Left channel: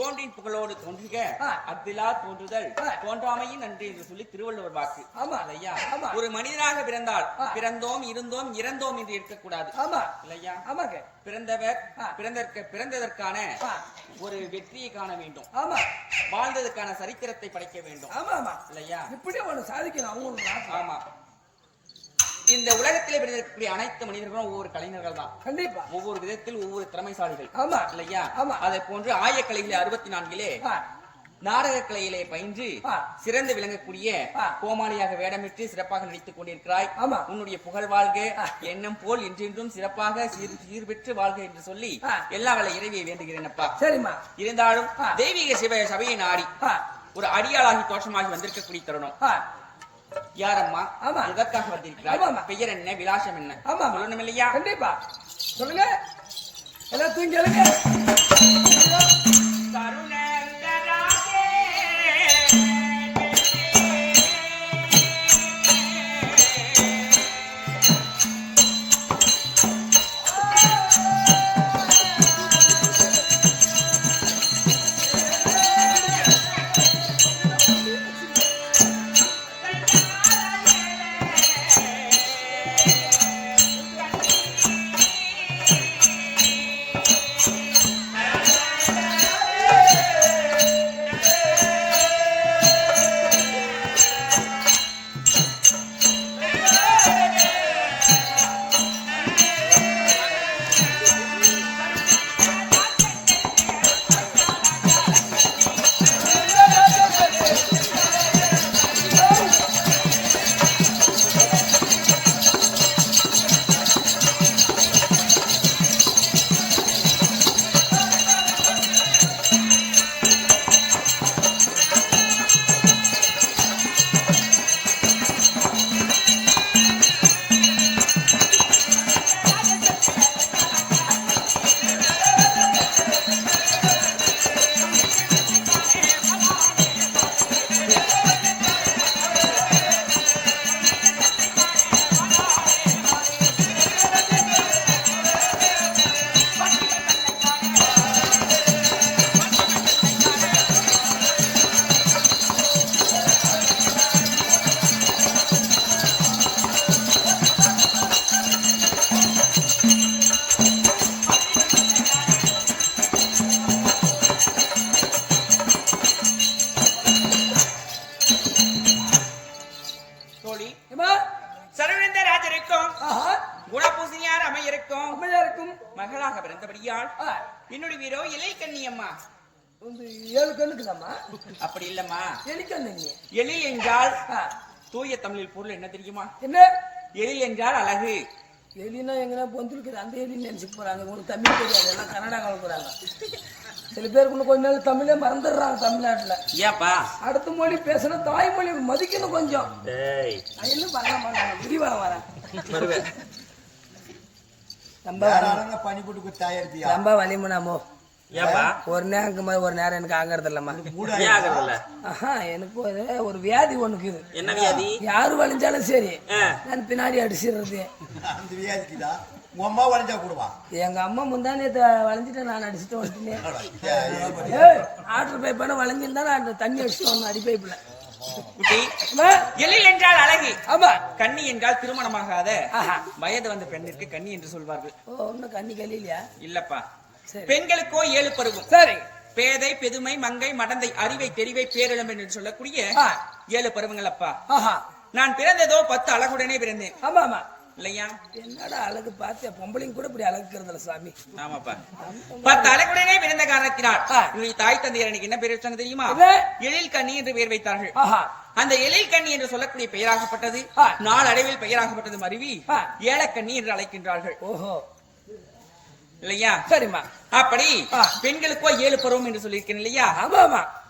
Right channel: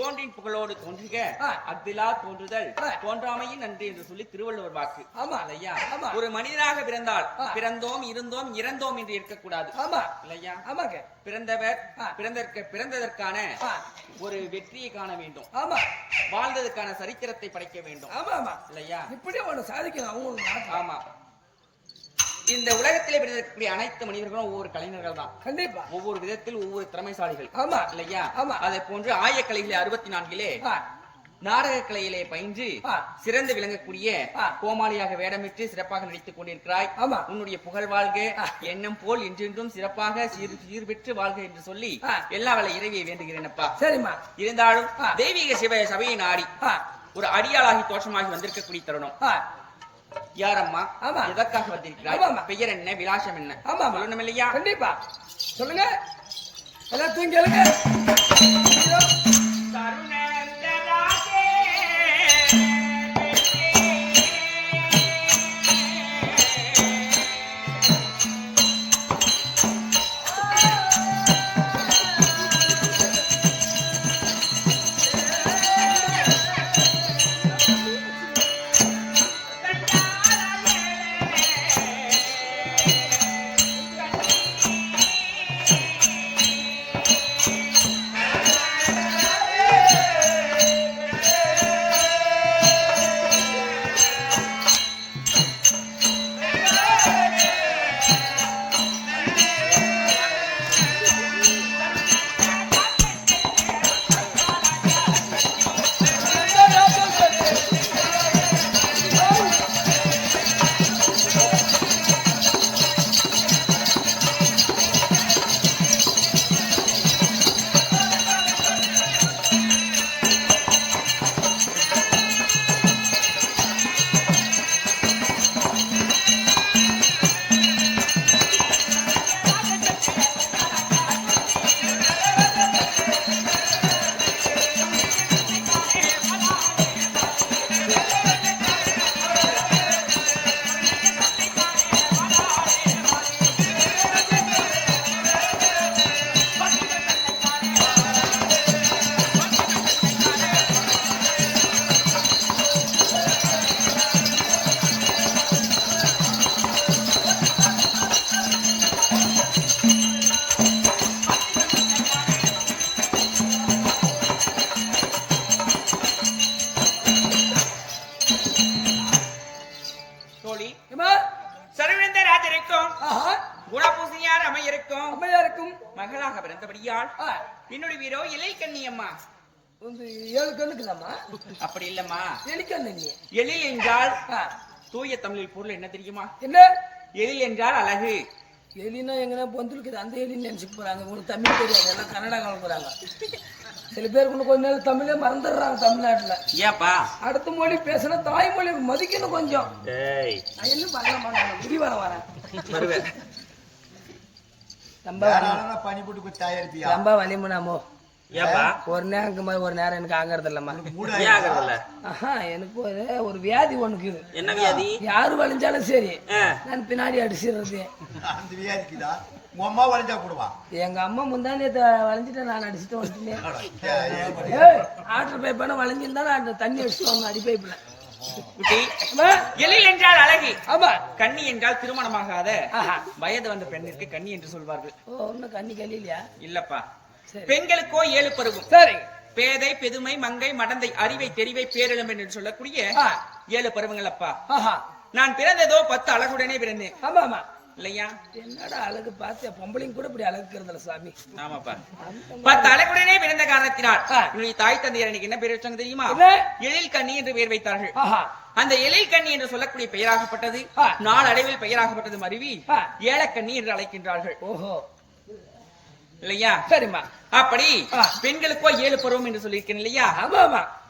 தோன்றின் புகழோடு தோன்றுக அஃதிலா தோன்றுதல் தோன்றாமையின் நன்றி என்று சொல்லி திருவள்ளுவர் வாக்கு. இல்லையா? ஒரு மனிதனாக பிறந்தால் பிறந்தோம் இருந்தோம் இறந்தோம் என்று இருக்கக்கூடாது. இல்லையா? பிறந்தவர் பிறந்ததற்கான ஒரு வெற்றியை காண வேண்டும். வாழ்ந்ததற்கான சரித்திரத்தை படைக்க வேண்டும். இல்லையா? இப்படி அவனை சாதிக்கலாம். ஆமா. இந்த உலகத்திலே பிறந்திருக்கக்கூடிய அனைத்து மனிதர்களும் ஒவ்வொரு கலைஞர்கள் தான். கண்டிப்பா ஒவ்வொரு விதத்தில் ஒவ்வொரு திறமைசாலிகள். இல்லையா? அதை போன்று ஆயக்கலையிலே 64 நாடக கலையிலே பயின்று சிறந்து விளங்கக்கூடிய கோமாளியாக வேடமிட்டு சிறப்பாக நடித்துக் கொண்டிருக்கிறாய். உன்னுடைய புகழ் வாழ்க, எண்ணம் போல் என்றென்றும் சிறப்பாக சீர்பெற்று வாழ்க என்று சொல்லி எல்லா வேலை இறைவியை வேண்டுகிறேனப்பா. சரிம்மா. இருந்தாலும் தெய்வீக சிவ சபையை நாடி ஒரு அடியாளாகி தோற்றமாகி வந்திருக்கக்கூடிய தருணம். யாரம்மா? எதற்காக வந்திருக்கிறாய்? பெயர் என்ன? விலாசம் என்ன? சொல்லணும் இல்லையா? கண்டிப்பா சொல்லுங்க. எல்லாம் தூங்கி மகளாக பிறந்தபடியால் என்னுடைய வீரோ இலை கண்ணியம்மா. 7 கண்ணுக்குதாம்மா? அப்படி இல்லம்மா, எலிக்கண்ணி. எழில் என்றால் தூய தமிழில் பொருள் என்ன தெரியுமா? என்ன? எழில் என்றால் அழகு. எலினா எங்கன்னா பொந்துருக்குது, அந்த எலின்னு நினைச்சுட்டு போறாங்க. உங்களுக்கு தமிழ் தெரியாது, எல்லாம் கன்னடா கலக்குறாங்க. சில பேருக்கு இன்னும் கொஞ்ச நாள் தமிழே மறந்துடுறாங்க தமிழ்நாட்டுல. ஏப்பா அடுத்த மொழி பேசினா தாய்மொழி மதிக்கணும் கொஞ்சம். இன்னும் பண்ண மாட்டாங்க. விரிவான வரேன் ரொம்ப வலிமனாமோ. ஒரு நேரம் ஒரு நேரம் எனக்கு ஆகிறது இல்லம்மா. எனக்கு ஒரு வியாதி ஒண்ணுக்கு. என்ன வியாதி? யாரு வலிஞ்சாலும் சரி நான் பின்னாடி அடிச்சிடுறது. எங்க அம்மா முந்தானே வளைஞ்சிட்டு நான் அடிச்சுட்டு வந்துட்டேன். ஆட்டர் பைப்பான வளைஞ்சிருந்தா நான் தண்ணி வச்சுட்டு அடி பைப்புல. எழில் என்றால் அழகு. ஆமா. கன்னி என்றால் திருமணமாகாத வயது வந்த பெண்ணிற்கு கன்னி என்று சொல்வார்கள். கன்னி கல்லியா? இல்லப்பா, பெண்களுக்கோ 7 பருவம். சரி. பேதை, பெதுமை, மங்கை, மடந்தை, அறிவை, தெரிவை, பேரிளம் என்று சொல்லக்கூடிய 7 பருவங்கள் அப்பா. நான் பிறந்ததோ 10 அழகுடனே பிறந்தேன். ஆமா ஆமா. இல்லையா? என்னடா அழகு பார்த்து பொம்பளைங்க கூட இப்படி அழகுறதுல சாமி. ஆமாப்பா, 10 அழகுடனே பிறந்த காரணத்தினால் என்னுடைய தாய் தந்தையர் எனக்கு என்ன பேர் வச்சாங்க தெரியுமா? எழில் கண்ணி என்று பெயர் வைத்தார்கள். அந்த எழில் கண்ணி என்று சொல்லக்கூடிய பெயராகப்பட்டது நாளடைவில் பெயராகப்பட்டது மருவி ஏலக்கண்ணி என்று அழைக்கின்றார்கள். ஓஹோ, இல்லையா? சரிம்மா. அப்படி பெண்களுக்கோ 7 பருவம் என்று சொல்லியிருக்கேன் இல்லையா?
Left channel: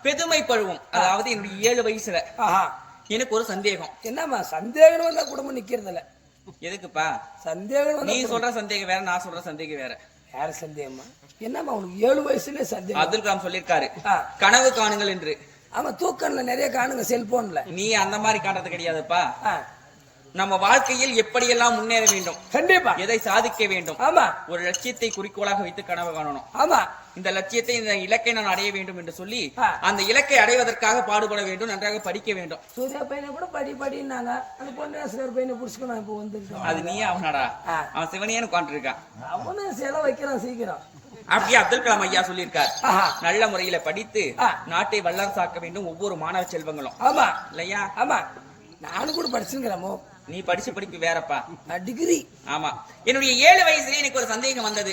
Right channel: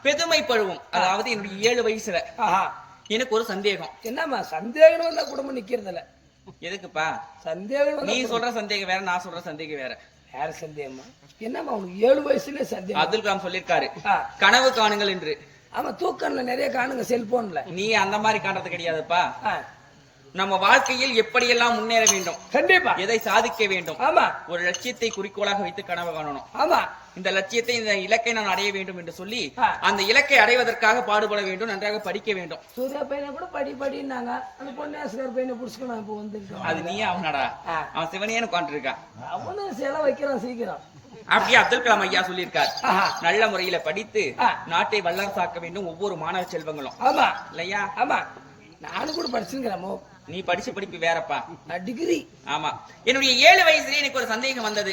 பெதுமை பருவம், அதாவது என்னுடைய 7 வயசுல எனக்கு ஒரு சந்தேகம். என்னம்மா சந்தேகம் வந்தா குடும்பம் நிக்கிறதுல? எதுக்குப்பா சந்தேகம்? நீ சொல்ற சந்தேகம் வேற, நான் சொல்ற சந்தேகம் வேற. யார சந்தேகமா? என்னம்மா உனக்கு 7 வயசுல சந்தேகம்? அப்துல் கலாம் சொல்லிருக்காரு, கனவு காணுங்கள் என்று. ஆமா, தூக்கம்ல நிறைய காணுங்க செல்போன்ல. நீ அந்த மாதிரி காண்றது கிடையாதுப்பா. நம்ம வாழ்க்கையில் எப்படியெல்லாம் முன்னேற வேண்டும், கண்டிப்பா எதை சாதிக்க வேண்டும், ஆமா ஒரு லட்சியத்தை குறிக்கோளாக வைத்து கனவு காணணும். ஆமா, இந்த லட்சியத்தை இந்த இலக்கை நான் அடைய வேண்டும் என்று சொல்லி அந்த இலக்கை அடைவதற்காக பாடுபட வேண்டும், நன்றாக படிக்க வேண்டும். சூர்யா பையனை கூட படினாங்க, அந்த பொன்னியாசுவர் பையனை புடிச்சுக்கணும். இப்போ வந்துருக்கான். அது நீ அவனாடா? அவன் சிவனியன்னு உட்காந்துருக்கான். அவனும் சில வைக்கிறான் சீக்கிரம். அப்படியே அப்துல் கலாம் ஐயா சொல்லியிருக்கார், நல்ல முறையில படித்து நாட்டை வல்லரசாக்க வேண்டும் ஒவ்வொரு மாணவ செல்வங்களும். ஆமா இல்லையா? ஆமா, நானும் கூட படிச்சிருக்கிறோமோ. நீ படிச்ச படிப்பு வேறப்பா, டிகிரி. ஆமா. என்னுடைய 7 வயசுல எனக்கு ஒரு சந்தேகம் வந்தது.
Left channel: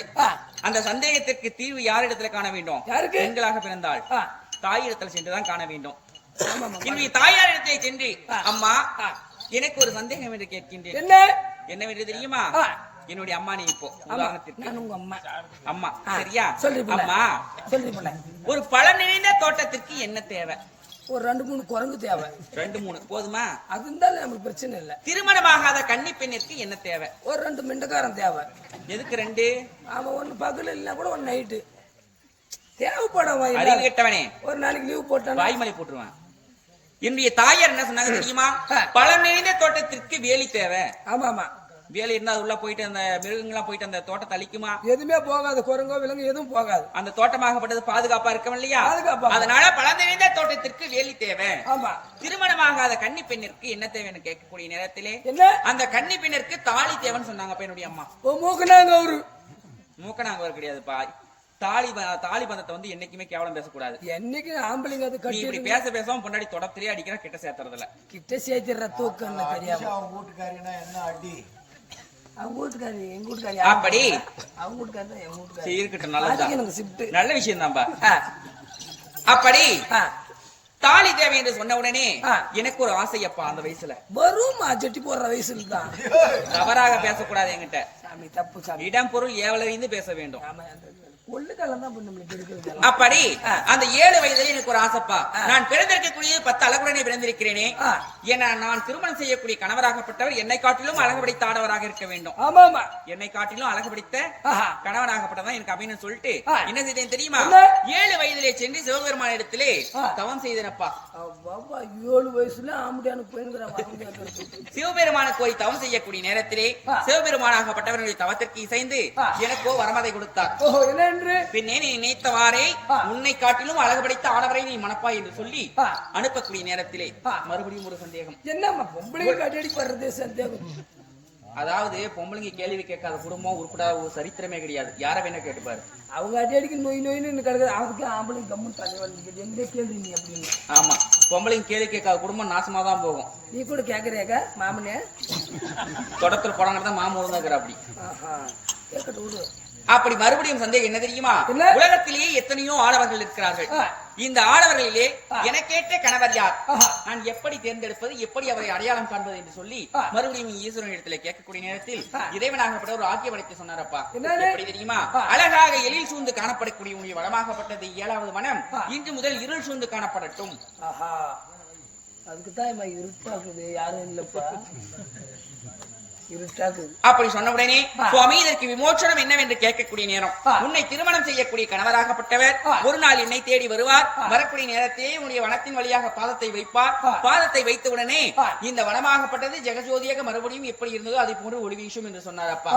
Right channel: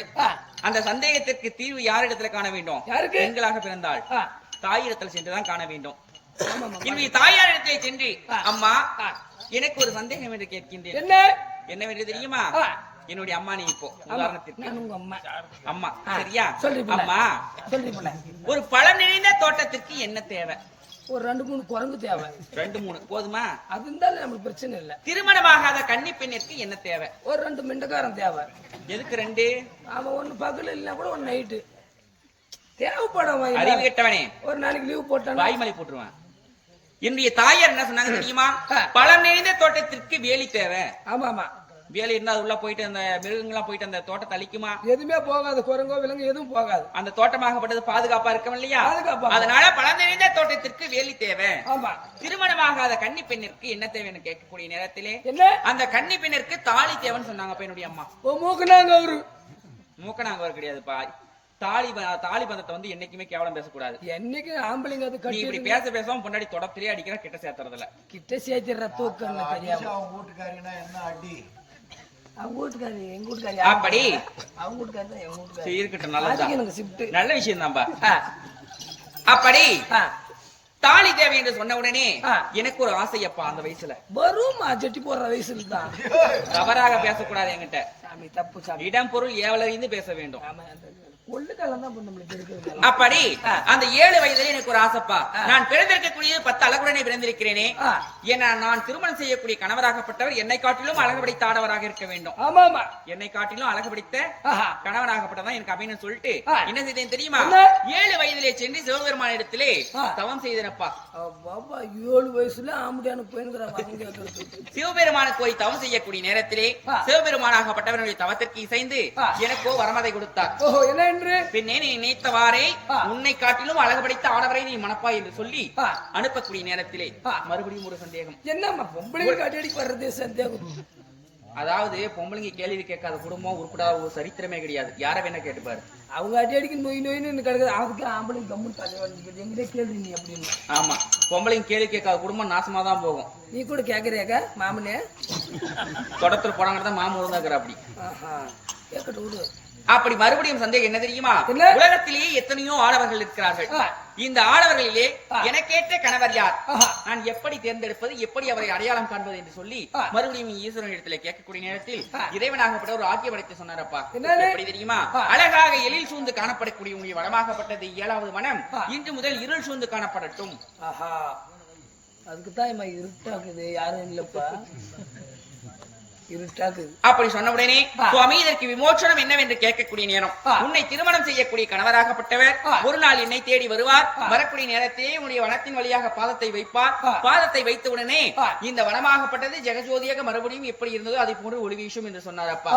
அந்த சந்தேகத்திற்கு தீர்வு யாரிடத்துல காண வேண்டும்? பெண்களாக பிறந்தால் தாயிடத்துல சென்றுதான் காண வேண்டும். என்னுடைய தாயாரிடத்திலே சென்று, அம்மா எனக்கு ஒரு சந்தேகம் என்று கேட்கின்றேன். என்னவென்று தெரியுமா? என்னுடைய அம்மா, நீ இப்போ உதாரணத்திற்கு அம்மா, சரியா? அம்மா, ஒரு பழம் நிறைந்த தோட்டத்திற்கு என்ன தேவை? ஒரு 2-3 குரங்கு தேவை. 2-3 போதுமா? அது இருந்தாலும் நமக்கு பிரச்சனை இல்ல. திருமணமாகாத கன்னி பெண்ணிற்கு என்ன தேவை? ஒரு 2 மிண்டக்காரன் தேவை. எதுக்கு 2? அவன் ஒண்ணு பகல் இல்ல கூட ஒரு நைட்டு தேவைப்படும். அறிவு கெட்டவனே, ஒரு நாளைக்கு லீவ் போட்டான் வாய்மலை போட்டுருவான். என்னுடைய தாயார் என்ன சொன்னாங்க தெரியுமா? பழம் நிறைந்த தோட்டத்திற்கு வேலி தேவை. ஆமா ஆமா, வேலை இருந்தா உள்ள போயிட்டு அந்த மிருகங்கள்லாம் போயிட்டு அந்த தோட்டத்தை அழிக்குமா? எதுவுமே போகாது, குரங்கோ விலங்கு எதுவும் போகாது. அந்த தோட்டமாகப்பட்டது பாதுகாப்பா இருக்கும் இல்லையா? அதனால பழந்திருந்த தோட்டத்திற்கு வேலி தேவை. திருமணமாகாத கன்னி பெண்ணிற்கு என்ன தேவைன்னு கேட்கக்கூடிய நேரத்திலே அந்த கன்னி பெண்ணிற்கு தாலி தேவைன்னு சொன்னாங்க. என்னுடைய அம்மா மூக்கனாங்க அவர் கிடையாதுப்பா. தாலி பந்தத்தை வந்து என்னைக்குமே கேவலம் பேசக்கூடாது. என்னைக்கு ஆம்பளைங்க அது நீ இப்படி பேசாம பொண்டாடி தொடத்திலே அடிக்கிற கிட்ட சேர்த்துறதுல கிட்ட சேர்த்துற தூக்கம் தெரியாது. அவங்க வீட்டுக்காரினா என்ன அடி? அவங்க வீட்டுக்காரி எங்க வீட்டுக்காரி அப்படி அவங்க வீட்டுக்காரி எங்க வீட்டுக்காரி இருக்கட்டும், நல்லதுதான், நல்ல விஷயம் தான்பா. அப்படி தாலி தேவை என்று சொன்ன உடனே எனக்கு ஒரு ஆசையப்பா. அந்த வயசுல வரும் ஜட்டி போடுற வயசுல தான் தவறாக பேசக்கூடாது என்கிட்ட. இடம் பொருள் ஏவலறிந்து பேச வேண்டும். அப்படி அந்த 7 வயதில் எனக்கு ஒரு ஆசைப்பா. நான் பிறந்திருக்கக்கூடிய 10 அழகுடனே பிறந்திருக்கிறேனே. ஏன்னா நான் திருமணம் செய்யக்கூடிய கணவராகப்பட்டவர் என்னை காட்டிலும் அழகு படைத்த ஆடவராக இருக்க வேண்டும். என்னை காட்டிலும் அழகு படைத்த கணவராகப்பட்டதான் எனக்கு அப்படின்னு சொல்லிட்டு என்ன செய்தேன் தெரியுமா? 7 வயதிலே சென்று சிவபெருமான இடத்திலே தவம் செய்தேனப்பா. 7 வயசுல சிவபெருமானுக்கு போய் தவம் செய்யக்கூடிய நேரத்திலே சிவபெருமானாகப்பட்டவருடைய தவத்திற்கு இசைந்து எனக்கோ வரமதை கொடுத்தார். பின்னே நீ நினைத்தவாறே உன்னை காட்டிலும் அழகு படைத்த ஆடவரை நீ மணப்பாய் என்று சொல்லி அனுப்பக்கூடிய நேரத்திலே மறுபடியும் ஒரு சந்தேகம். அதாவது பொம்பளைங்க கேள்வி கேட்காத குடும்பம் உருப்படாத ஒரு சரித்திரமே கிடையாது. யார வேணா கேட்டுப்பாரு. அவங்க அடி அடிக்க நோய் நோயின்னு கிடையாது. அதுக்கு ஆம்பளை கம்மு கேள்வி நீ அப்படின்னு. ஆமா, பொம்பளைங்க கேள்வி கேட்காத குடும்பம் நாசமா தான் போகும். நீ கூட கேக்குறியாக்க மாமனே தொடத்துல போறாங்கதான் மாமன் ஒழுங்காக்குற அப்படி அப்படி மறுபடியும் சந்தேகம் என்ன தெரியுமா? உலகத்திலேயே எத்தனையோ ஆடவர்கள் இருக்கிறார்கள். இந்த ஆடவர்களிலே எனக்கேற்ற கணவர் யார்? நான் எப்படி தேர்ந்தெடுப்பது, எப்படி அவரை அடையாளம் காண்பது என்று சொல்லி மறுபடியும் ஈஸ்வரன் இடத்துல கேட்கக்கூடிய நேரத்தில் இறைவனாகப்பட்ட ஒரு ஆக்கிய படைத்து சொன்னாரப்பா. எப்படி தெரியுமா? அழகாக எழில் சூழ்ந்து காணப்படக்கூடிய உடைய வளமாகப்பட்டது 7வது மனம் இன்று முதல் இருள் சூழ்ந்து காணப்படட்டும். அதுக்குதான் இருட்டாக்குது, யாரும் இல்லப்பா அப்படி சொன்ன உடனே சுவாமி இதற்கு விமோசனம் என்னவென்று கேட்கக்கூடிய நேரம், உன்னை திருமணம் செய்யக்கூடிய கணவராகப்பட்டவர் ஒரு நாள் என்னை தேடி வருவார். வரக்கூடிய நேரத்திலே உன்னுடைய வனத்தின் வழியாக பாதத்தை வைப்பார். பாதத்தை வைத்த உடனே இந்த வனமாகப்பட்டது ஜெகஜோதியாக மறுபடியும் எப்படி இருந்ததோ அதை போன்று ஒளி வீசும் என்று சொன்னார் அப்பா.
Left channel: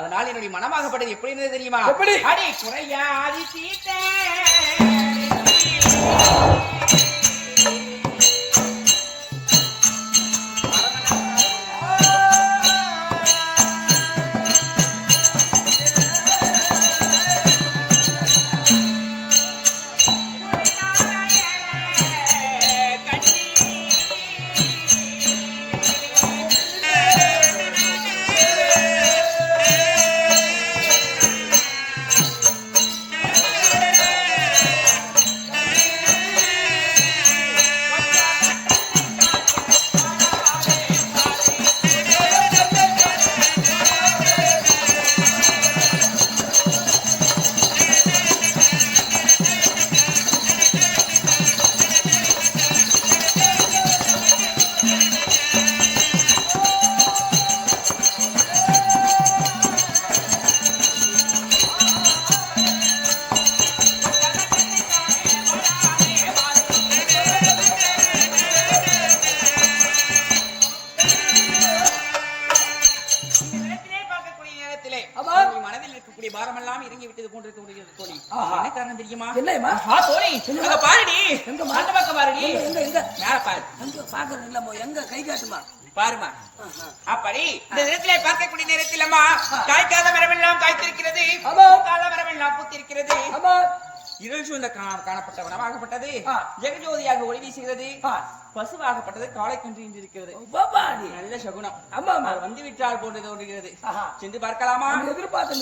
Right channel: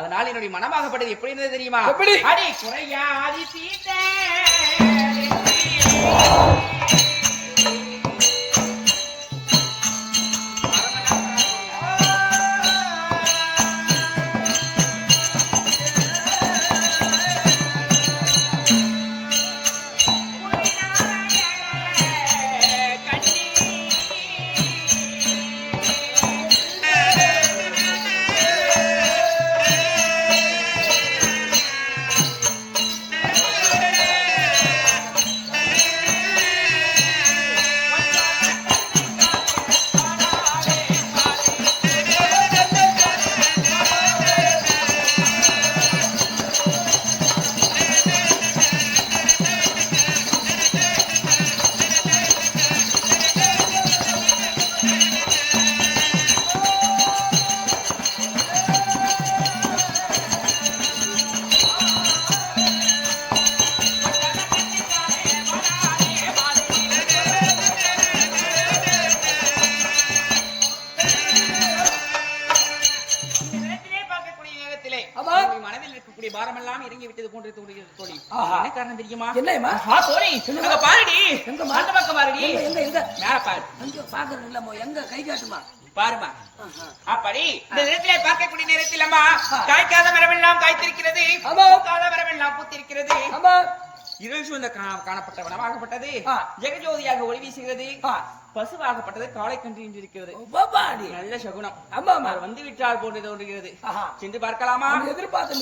அதனால் என்னுடைய மனமாகப்பட்டது எப்படி இருந்தது தெரியுமா? அடி குறையாதி தீட்ட இப்படி பாரமெல்லாம் இறங்கி விட்டது போன்று தோன்றுகிறது தோழி. ஆஹா. என்ன காரணம் தெரியுமா? என்னம்மா? தோழி அங்க பாருடி. எங்க அந்த பக்கம் பாருடி. எங்க மேல பாரு. அங்க பாக்குறது இல்லம்மா, எங்க கை காட்டுமா பாருமா. அப்படி இந்த நேரத்திலே பார்க்கக்கூடிய நேரத்தில் அம்மா காய்க்காத மரமெல்லாம் காய்த்திருக்கிறது, பூக்காத மரமெல்லாம் பூத்திருக்கிறது. இருள் சூழ்ந்த காணப்பட்ட வனமாகப்பட்டது ஜெகஜோதியாக ஒளி வீசுகிறது. பசுவாகப்பட்டது காலை கன்று இருக்கிறது. நல்ல சகுனம். அவர் வந்து விட்டால் போன்று தோன்றுகிறது. சென்று பார்க்கலாமா? எதிர்பார்த்து